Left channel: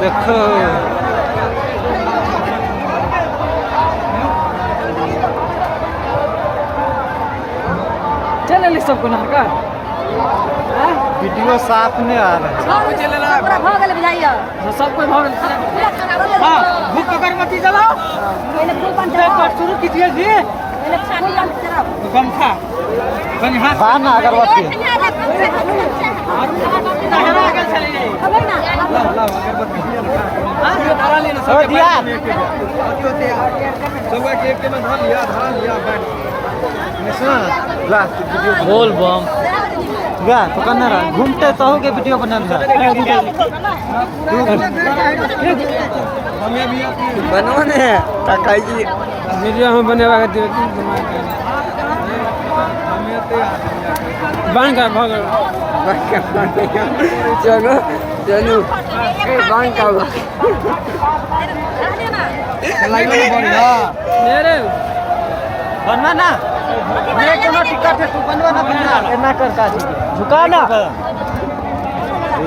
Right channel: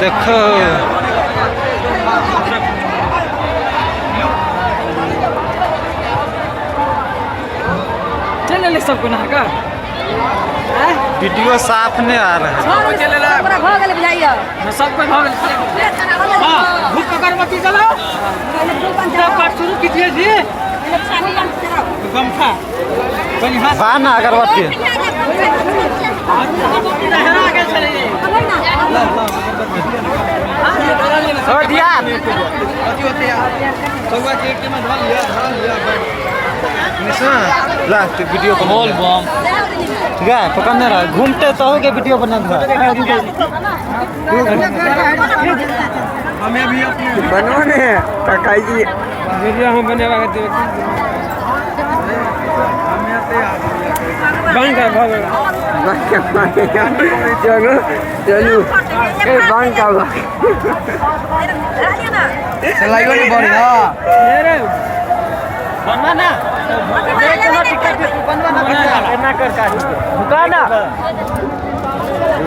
देखो चल ले सबको ना का वीडियो साफ नहीं आ रहा है। सब कोई भाग हां भूख अगरबत्ती जलाओ सब बात शुरू कीजिए जी गमछा बाना अगरबत्ती हो दिया ला वीडियो बोल बम गा पकड़ना रहा घूमते तो हो गए वीडियो बना रहा बनो ने काकाई जी वीडियो हम बनेवा बन का भाग चलो चलो ए बन का मेरे बनना ना टिकट बनवा ना कर का झुका ना